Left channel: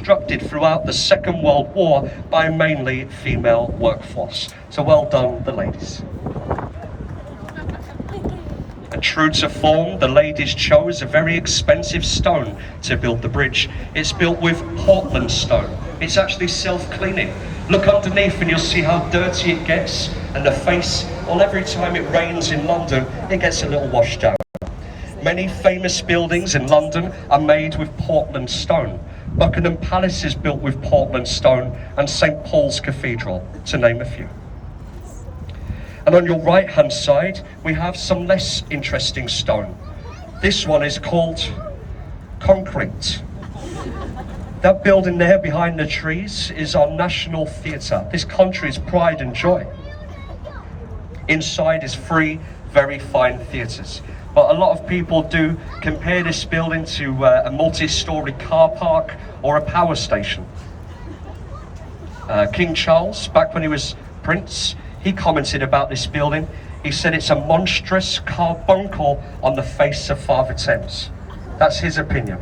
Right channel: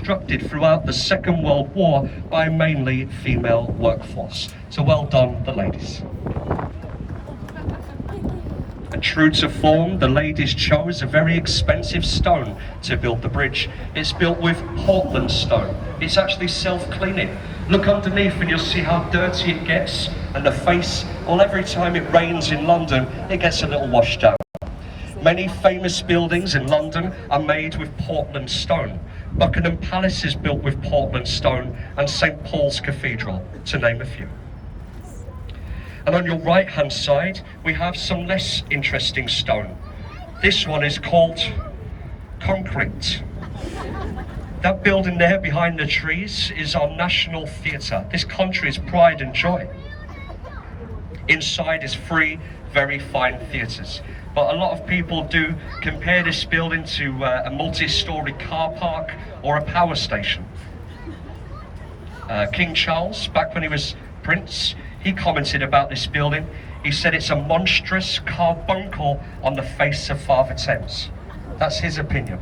constructed throughout the Second World War by a mainly female workforce. So well done, the ladies. And true to form, the ladies chose a very expensive stone to build the bridge. It's built with Portland stone. It's actually self-cleaning. Look underneath and you'll see how dirty it gets, and the face, well, every time it rains in London, it gets a little washed out. Many famous buildings in London are made with Portland stone. Buckingham Palace is built with Portland stone, and St. Paul's Cathedral, to name a few. And on your right-hand side, we have some less interesting stone. This one is called concrete. That building there behind the trees is our National Theatre, this country's pride and joy. Inside is 3 very fine theatres. But a lot of people do compare this building to a multi-storey car park or a power station. King Charles, back when he was Prince, he commented about this building. He said it's a monstrous carbuncle on the face of Father Thames. That's his opinion.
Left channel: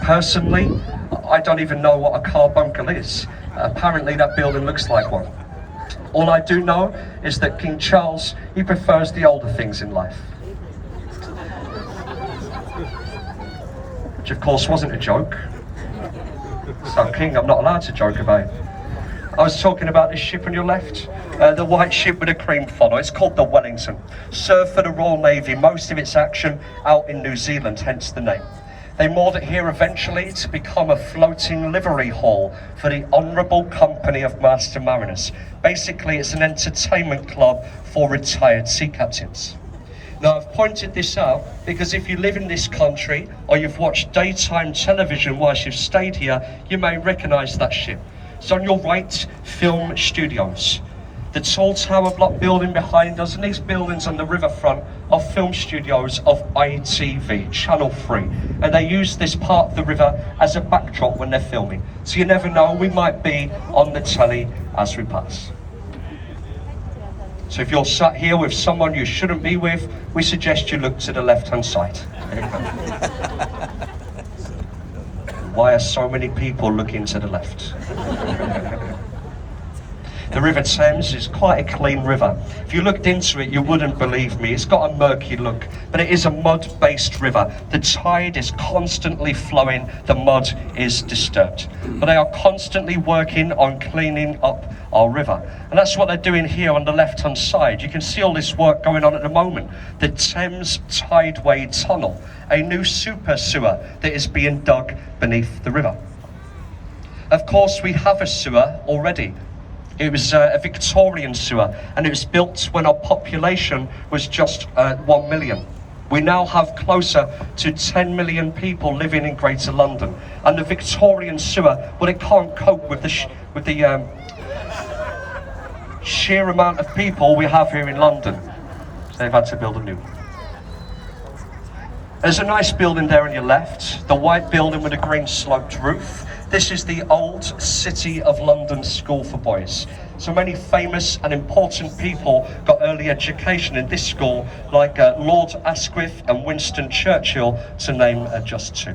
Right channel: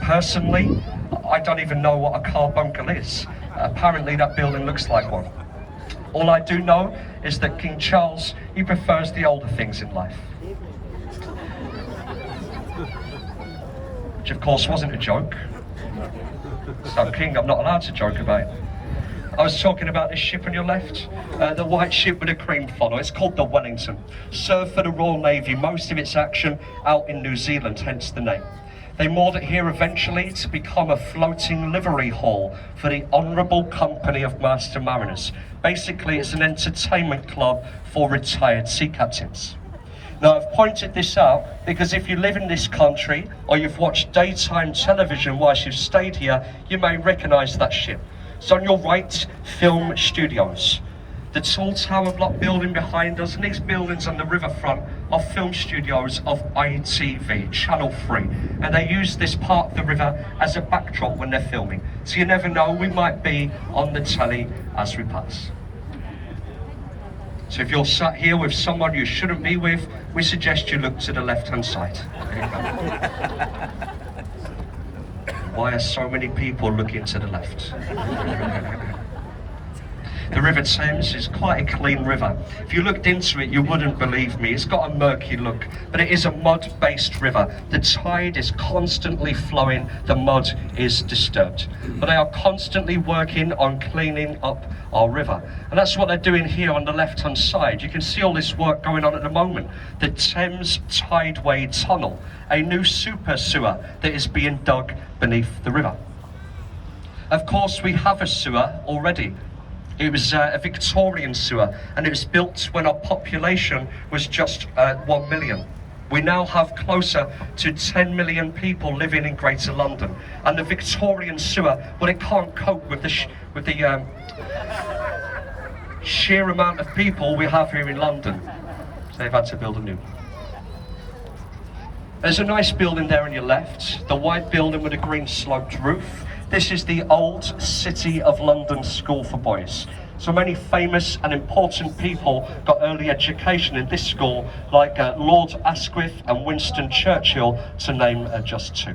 Personally, I don't even know what a carbuncle is. Apparently that building looks like one. All I do know is that King Charles, he prefers the older things in life. Which of course wasn't a joke. So King, I'm not allowed to joke about it. I was talking about this ship on your left, the white ship with a cream funnel. It's called the Wellington. Served for the Royal Navy, most of its action out in New Zealand, hence the name. They moored it here eventually to become a floating livery hall for the Honourable Company of Master Mariners. Basically, it's an entertainment club for retired sea captains. Now, I've pointed this out because if you live in this country or you've watched daytime television whilst you've stayed here, you may recognise that ship. So on your right, film studios. The tall tower block building behind us and these buildings on the riverfront are film studios of ITV, Channel 3. And they use this part of the river as a backdrop when they're filming. So you never know, we might be on the telly as we pass. So if you're sat here with someone you shouldn't be with, we suggest you look to the left-hand side. Why are so many people looking to the left? The River Thames is quite a clean river. If you looked into it, you wouldn't believe me. It's got a murky look, but it is a mud-based river. The tide is constantly flowing, the mud is disturbed. But they are constantly working on cleaning up our river. And that's what they're doing here on the left-hand side. You can see all this work going on at the moment. The Thames Tideway Tunnel, a new super sewer that is being dug beneath the river. Of course, we have a sewer already. It was a Victorian sewer, and it was built when our population was just 1 million. We now have closer to 10 million people living in Greater London, and the Victorian sewer, well, it can't cope with the sheer amount of people we have here in London. So they've had to build a new one. There's a nice building there on your left, the white building with a green sloped roof. This is the old City of London School for Boys. So many famous and important people got early education in this school, like Lord Asquith and Winston Churchill, to name just 2.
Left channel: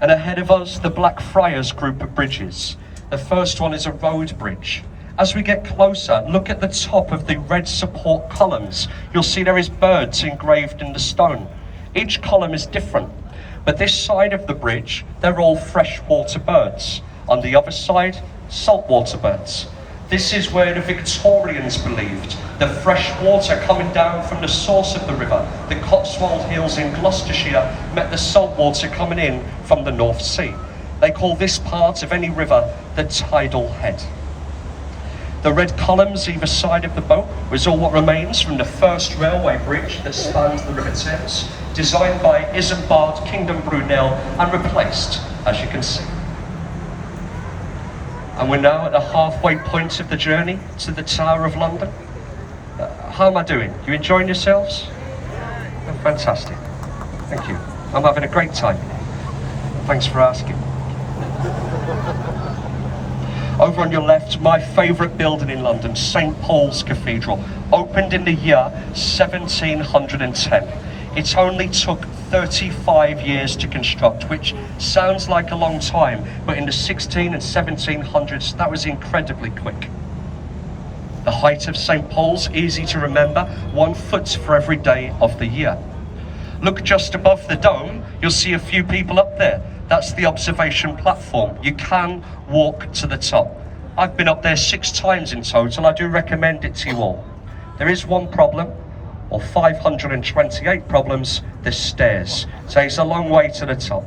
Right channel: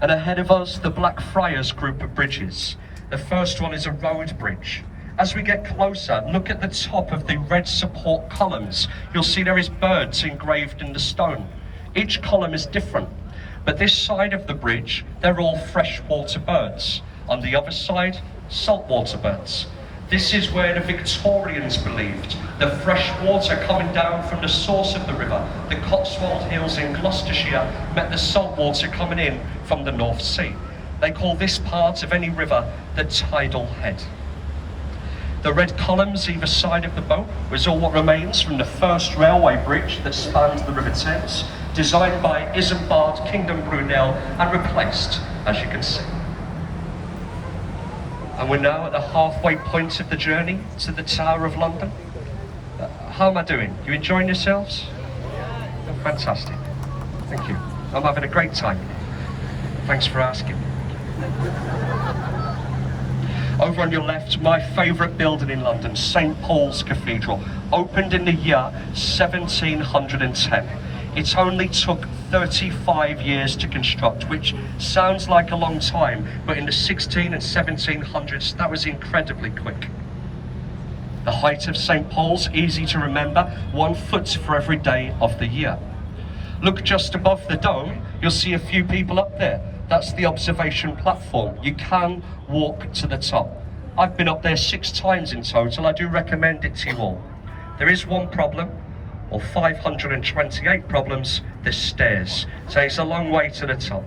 And ahead of us, the Blackfriars group of bridges. The first one is a road bridge. As we get closer, look at the top of the red support columns. You'll see there is birds engraved in the stone. Each column is different. But this side of the bridge, they're all freshwater birds. On the other side, saltwater birds. This is where the Victorians believed the fresh water coming down from the source of the river, the Cotswold Hills in Gloucestershire, met the salt water coming in from the North Sea. They call this part of any river the tidal head. The red columns either side of the boat was all what remains from the first railway bridge that spans the River Thames, designed by Isambard Kingdom Brunel and replaced, as you can see. And we're now at the halfway point of the journey to the Tower of London. How am I doing? You enjoying yourselves? Oh, fantastic. Thank you. I'm having a great time. Thanks for asking. Over on your left, my favourite building in London, St. Paul's Cathedral, opened in the year 1710. It only took 35 years to construct, which sounds like a long time, but in the 16 and 1700s, that was incredibly quick. The height of St. Paul's, easy to remember, 1 foot for every day of the year. Look just above the dome, you'll see a few people up there. That's the observation platform. You can walk to the top. I've been up there 6 times in total. I do recommend it to you all. There is one problem, or 528 problems, the stairs. So it's a long way to the top.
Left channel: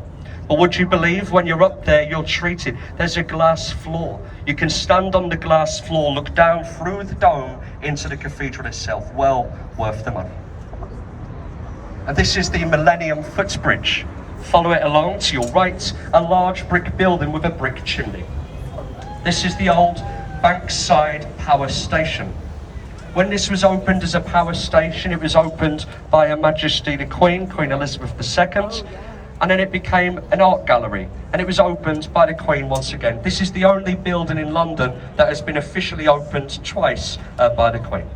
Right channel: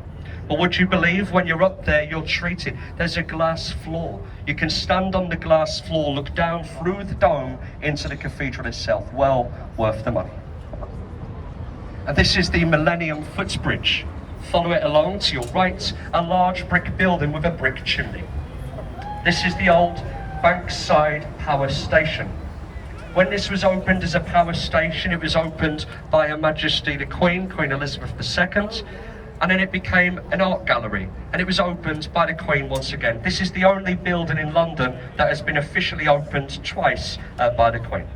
But would you believe when you're up there, you're treated? There's a glass floor. You can stand on the glass floor, look down through the dome into the cathedral itself. Well worth the money. And this is the Millennium Footbridge. Follow it along to your right, a large brick building with a brick chimney. This is the old Oakside power station. When this was opened as a power station, it was opened by Her Majesty the Queen, Queen Elizabeth II, and then it became an art gallery, and it was opened by the Queen once again. This is the only building in London that has been officially opened twice by the Queen.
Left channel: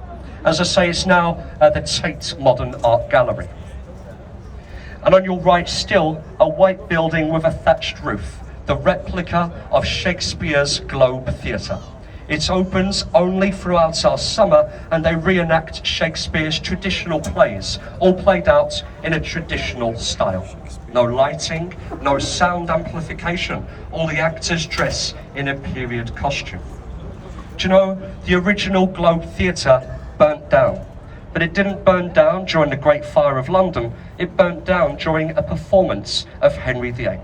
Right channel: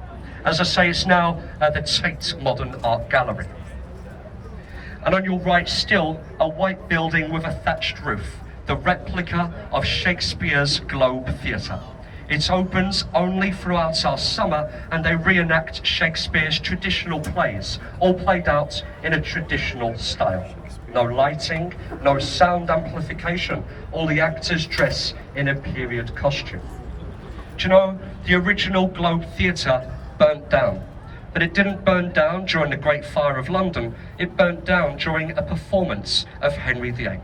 As I say, it's now the Tate Modern Art Gallery. And on your right still, a white building with a thatched roof, the replica of Shakespeare's Globe Theatre. It opens only throughout our summer, and they reenact Shakespeare's traditional plays, all played out in a traditional style. No lighting, no sound amplification, all the actors dress in a period costume. Do you know, the original Globe Theatre burnt down. But it didn't burn down during the Great Fire of London, it burnt down during a performance of Henry VIII.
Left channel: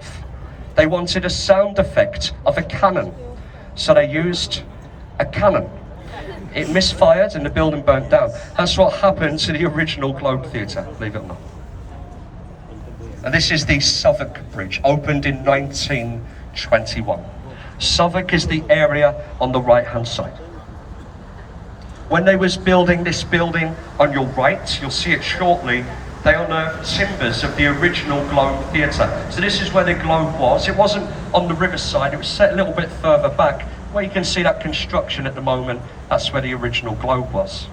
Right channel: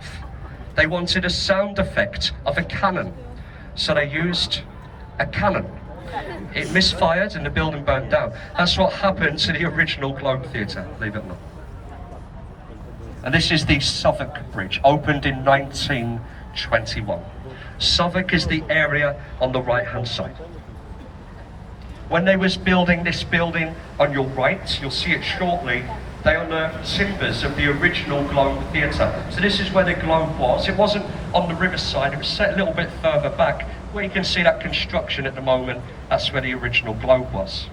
They wanted a sound effect of a cannon, so they used a cannon. It misfired and the building burnt down. That's what happened to the original Globe Theatre, believe it or not. And this is the Suffolk Bridge, opened in 1921. Suffolk is the area on the right-hand side. When they was building this building on your right, you'll see it shortly, they unearthed timbers of the original Globe Theatre. So this is where the Globe was. It wasn't on the riverside, it was set a little bit further back. Where you can see that construction at the moment, that's where the original Globe was.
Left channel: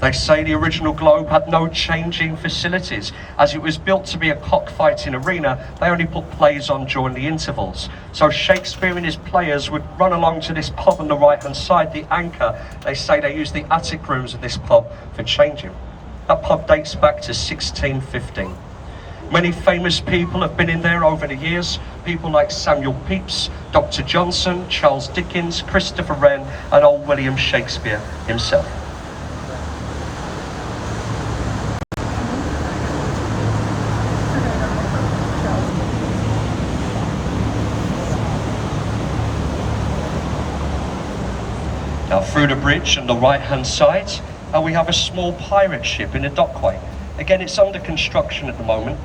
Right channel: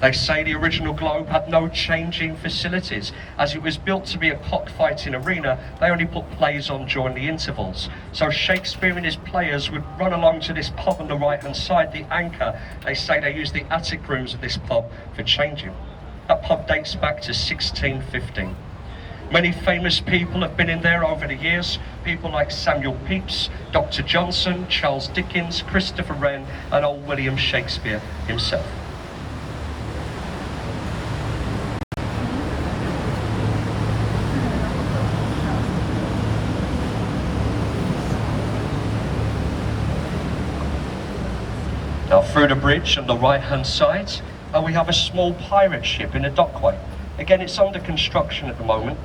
They say the original Globe had no changing facilities. As it was built to be a cockfighting arena, they only put plays on during the intervals. So Shakespeare and his players would run along to this pub on the right-hand side, the Anchor. They say they used the attic rooms of this pub for changing. That pub dates back to 1615. Many famous people have been in there over the years. People like Samuel Pepys, Dr. Johnson, Charles Dickens, Christopher Wren, and old William Shakespeare himself. Now through the bridge on the right-hand side, we have a small pirate ship in a dockway. Again, it's under construction at the moment.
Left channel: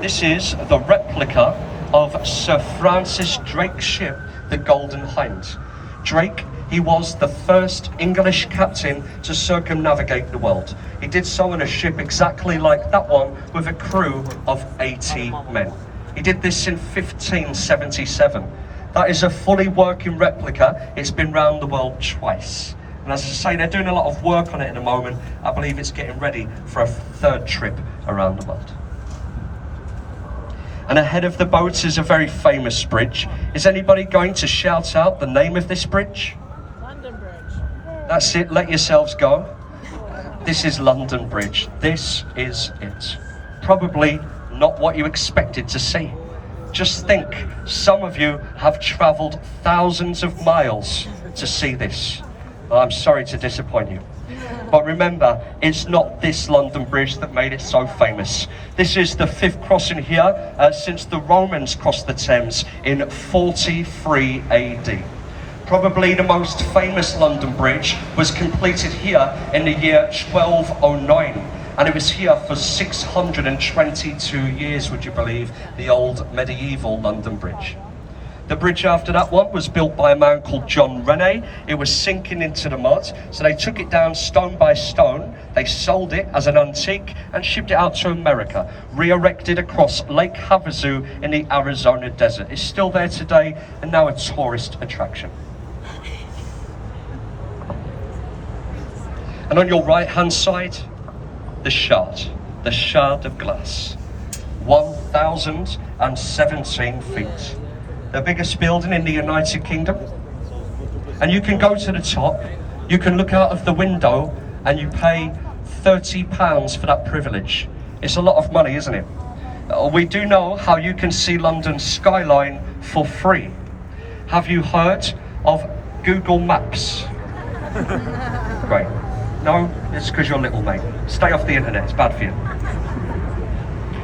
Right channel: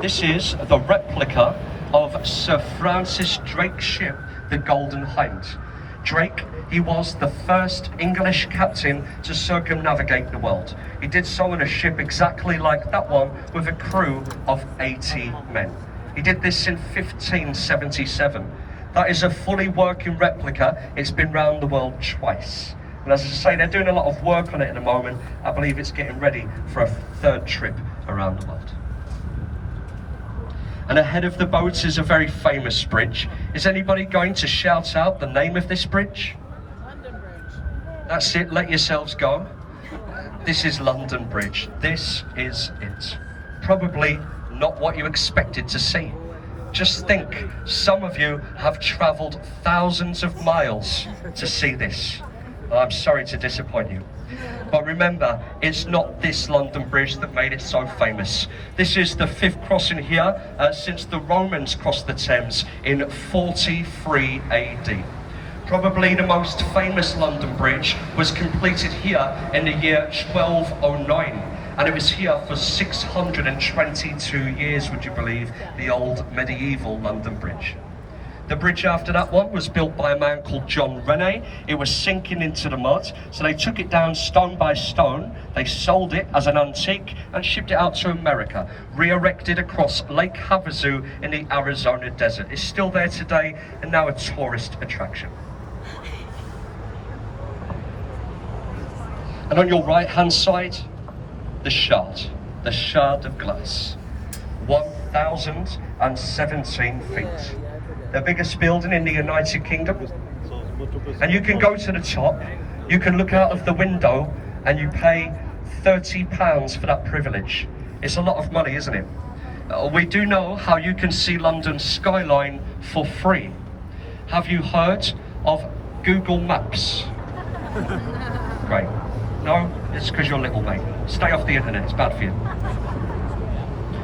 This is the replica of Sir Francis Drake's ship, the Golden Hind. Drake, he was the first English captain to circumnavigate the world. He did so in a ship exactly like that one with a crew of 80 men. He did this in 1577. That is a fully working replica. It's been round the world twice. And as I say, they're doing a lot of work on it at the moment. I believe it's getting ready for a 3rd trip around the world. And ahead of the boat is a very famous bridge. Is anybody going to shout out the name of this bridge? London Bridge. That's it, let yourselves go. This is London Bridge. This is it. Probably not what you expected to see. Just think, some of you have travelled thousands of miles to see this. Well, I'm sorry to disappoint you. But remember, it's not this London Bridge that made it so famous. This is the 5th crossing here since the Romans crossed the Thames in 43 AD. Probably the most famous London Bridge was completed here in the year 1209. And it was here for 622 years, would you believe, the old medieval London Bridge. The bridge after that one was built by a man called John Rennie. It was sinking into the mud, so they took it down stone by stone, they sold it as an antique and shipped it out to America, re-erected across Lake Havasu in the Arizona desert. It's still there today and now a tourist attraction. And on your right hand side, the shard of glass. 1,017 feet. The biggest building in the United Kingdom. And you can go to the top, you can look out of the window, and you pay £30 for that privilege. It's a lot of money, isn't it? We do know how you can see London's skyline for free. Have you heard of Google Maps? Great. No, it's because you're little, mate. Stay off the internet, it's bad for you.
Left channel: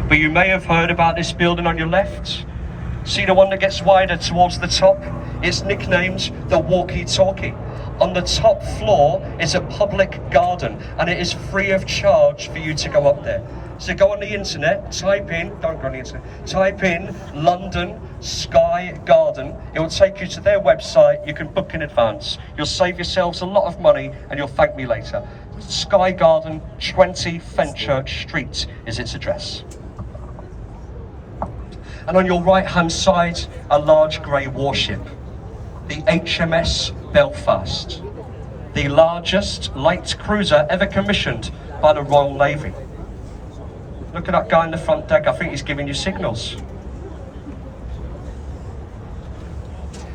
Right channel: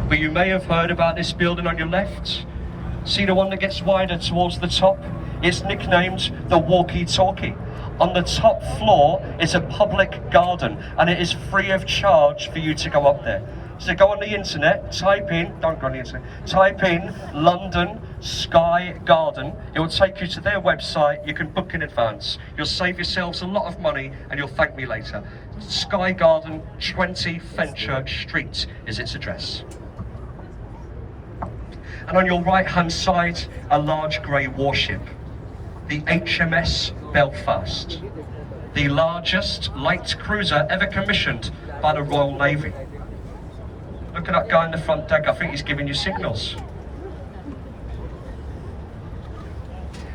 But you may have heard about this building on your left. See the one that gets wider towards the top? It's nicknamed the walkie-talkie. On the top floor is a public garden, and it is free of charge for you to go up there. So go on the internet, type in London Sky Garden. It will take you to their website. You can book in advance. You'll save yourselves a lot of money and you'll thank me later. Sky Garden, 20 Fenchurch Street is its address. And on your right hand side, a large grey warship, the Hms Belfast, the largest light cruiser ever commissioned by the Royal Navy. Look at that guy on the front deck, I think he's giving you signals.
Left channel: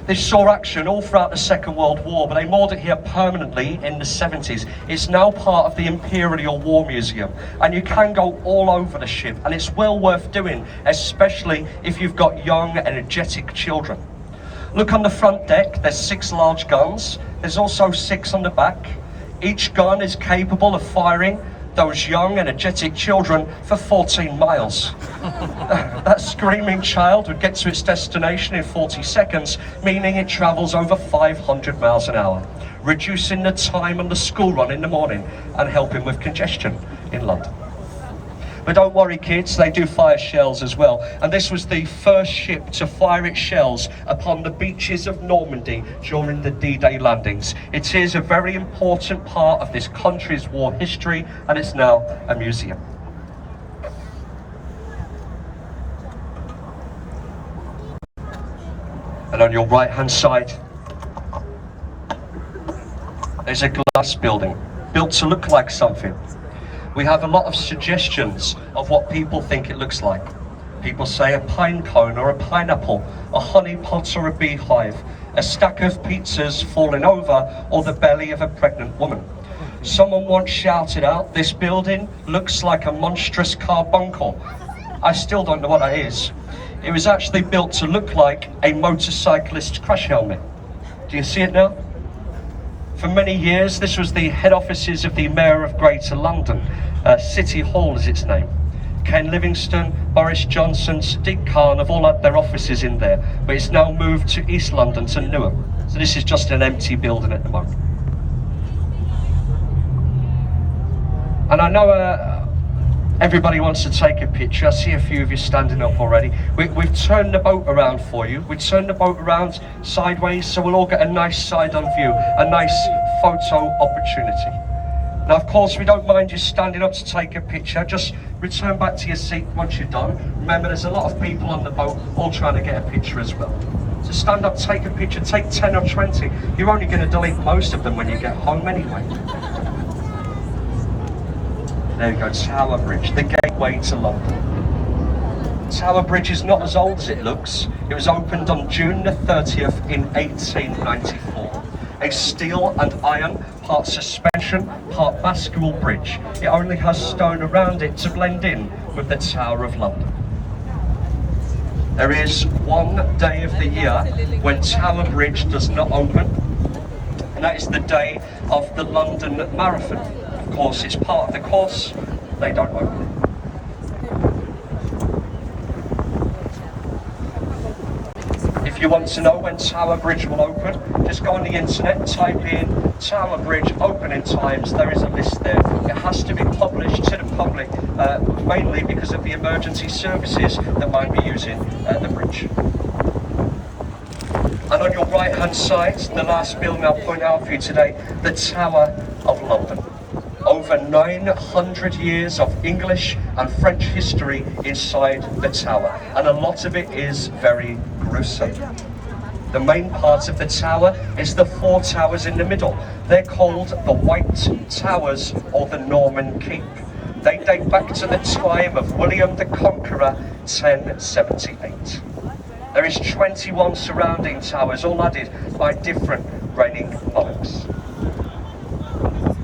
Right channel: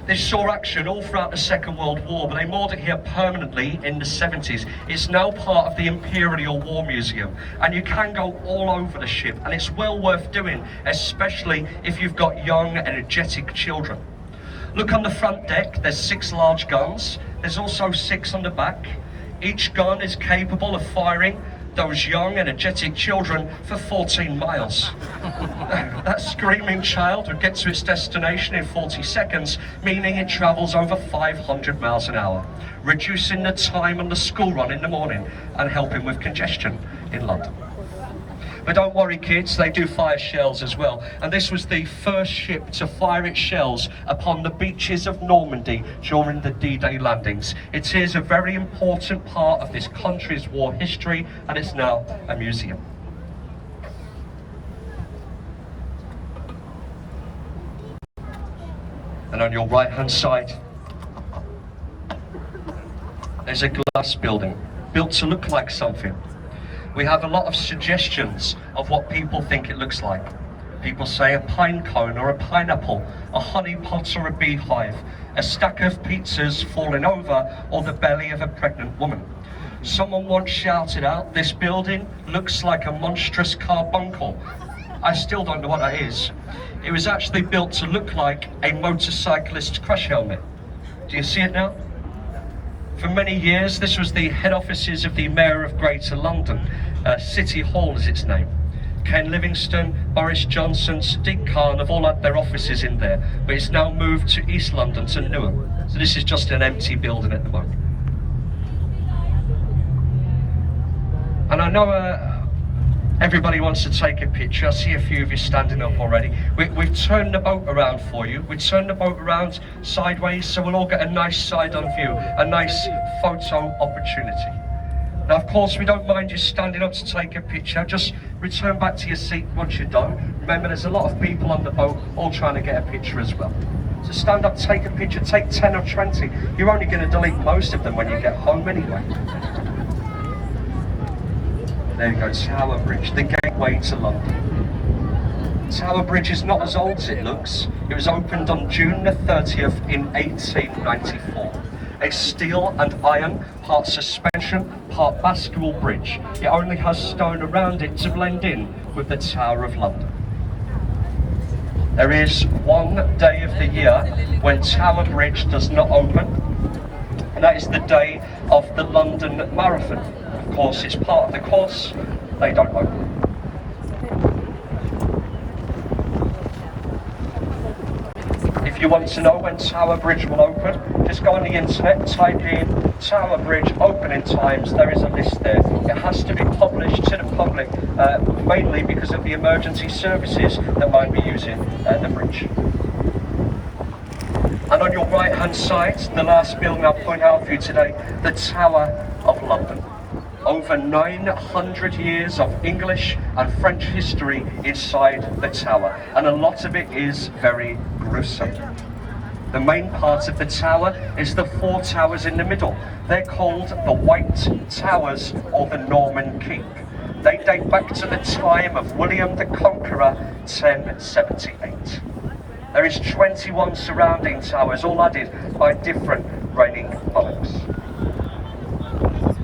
This saw action all throughout the Second World War, but they moored it here permanently in the 70s. It's now part of the Imperial War Museum, and you can go all over the ship, and it's well worth doing, especially if you've got young, energetic children. Look on the front deck, there's 6 large guns. There's also 6 on the back. Each gun is capable of firing those young, energetic children for 14 miles. That screaming child would get to its destination in 40 seconds, meaning it travels over 500 miles an hour, reducing the time on the school run in the morning and helping with congestion in London. But don't worry kids, they do fire shells as well. And this was the first ship to fire its shells upon the beaches of Normandy during the D-Day landings. It is a very important part of this country's war history, and it's now a museum. And on your right hand side, there's a glass building, built to look like something. We have a lot of suggestions of what people think it looks like. People say a pine cone or a pineapple, a honey pot or a beehive, a stack of pizzas falling over, or the belly of a pregnant woman. Someone once shouted out, "This building looks like a monstrous carbuncle." I still don't know what that is. It was actually built to look like a motorcyclist's crash helmet. Do you see it now? For many years, this was the head offices of the Mayor of Greater London. City Hall is its name. Ken Livingstone, Boris Johnson, Sadiq Khan have all had their offices in there, but it's now moved to East London, to Newark. So this is just an empty building at the moment. And I know everybody wants to take a picture. I see a few of you standing up already. We've turned the boat around for you. We've turned the boat around sideways, so we'll all get a nice side-on view, a nice photo opportunity. Now, of course, we don't mind you standing up to take a picture. Just return back to your seat once you're done. Remember, there's a lot of people on the boat all trying to get a picture as well. So stand up, take a picture, take 10 or 20. You're only going to delete most of them when you get home anyway. There you go, Tower Bridge, the gateway to London. Tower Bridge is not as old as it looks. It was opened on June the 30th in 1894. A steel and iron, part suspension, part bascule bridge. It only has stone around it to blend in with the Tower of London. There is one day of the year when Tower Bridge does not open, and that is the day of the London Marathon. Of course, it's part of the course, they don't open. If you want to know when Tower Bridge will open, just go on the internet, type in Tower Bridge opening times. There is a list there. It has to be published to the public, mainly because of the emergency services that might be using the bridge. And on your right hand side, the last building I'll point out for you today, the Tower of London. Over 900 years of English and French history inside the tower, and a lot of it is very gruesome. The main part of the tower is the 4 towers in the middle. They're called the White Towers or the Norman Keep. They date back to the time of William the Conqueror, 1078. There is 21 surrounding towers, all added by different reigning monarchs.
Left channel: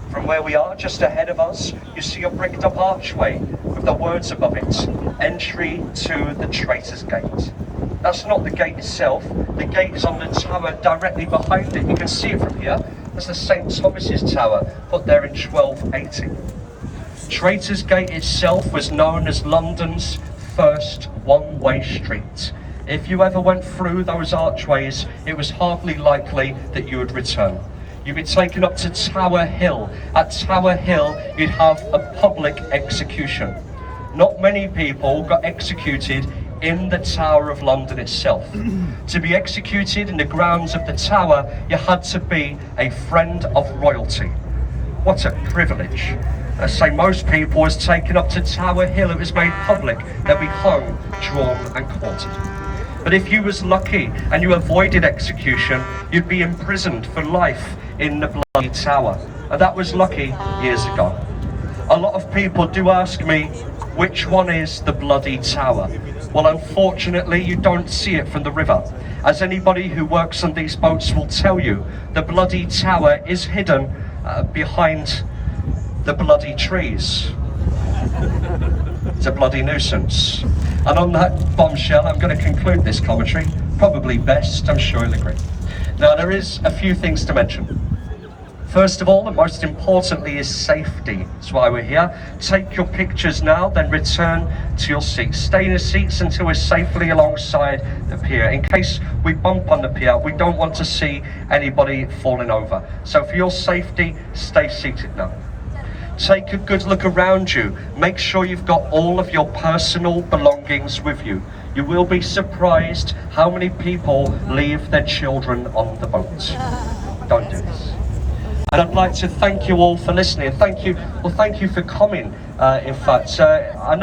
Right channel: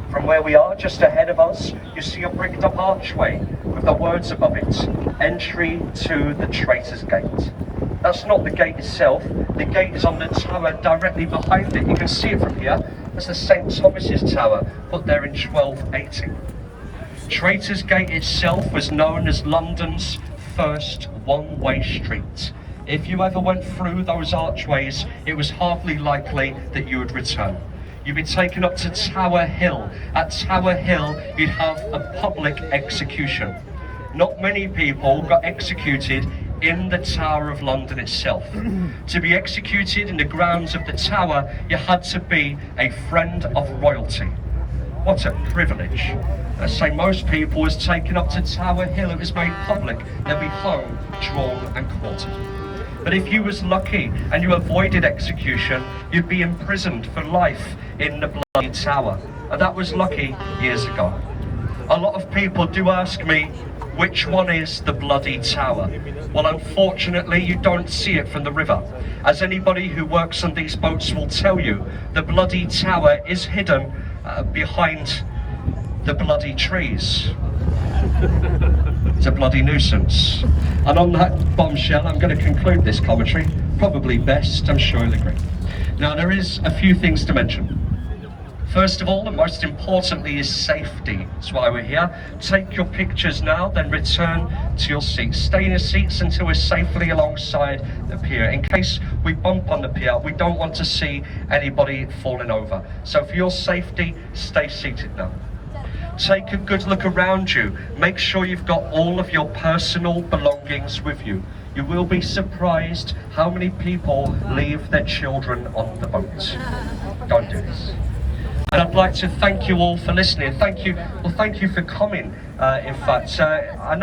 From where we are, just ahead of us, you see a bricked up archway with the words above it, "Entry to the Traitor's Gate." That's not the gate itself, the gate is on the tower directly behind it. You can see it from here. That's the St. Thomas's Tower, put there in 1280. Traitor's Gate itself was known as London's first one-way street. If you ever went through those archways, it was hardly likely that you would return. You'd be taken up to Tower Hill. At Tower Hill, you'd have a public execution. Not many people got executed in the Tower of London itself. To be executed in the grounds of the Tower, you had to be a friend of royalty. What a privilege. I say most people was taken up to Tower Hill, it was made public, they'd be hung, drawn and quartered. But if you was lucky and you avoided execution, you'd be imprisoned for life in the bloody Tower. And that was lucky years ago. A lot of people do ask me, which one is the bloody Tower? Well, unfortunately, you don't see it from the river. As anybody who works on these boats will tell you, the bloody Tower is hidden behind the bloody trees. It's a bloody nuisance. And on that bombshell, I'm going to conclude this commentary. Probably best, I'm sure you'll agree. Now, there is a few things to mention. First of all, and most importantly, is safety. That's why we're here. Take your pictures now, then return to your seats. Stay in your seats until we're safely alongside the pier. In case we bump on the pier, we don't want to see anybody falling over. So for your safety, stay seated now. Take a good look around you. Make sure you've got all of your personal belongings with you. You will be surprised how many people leave their children on the boat. Don't do this. And I'd like to thank you all for listening. Thank you for coming. In fact, I know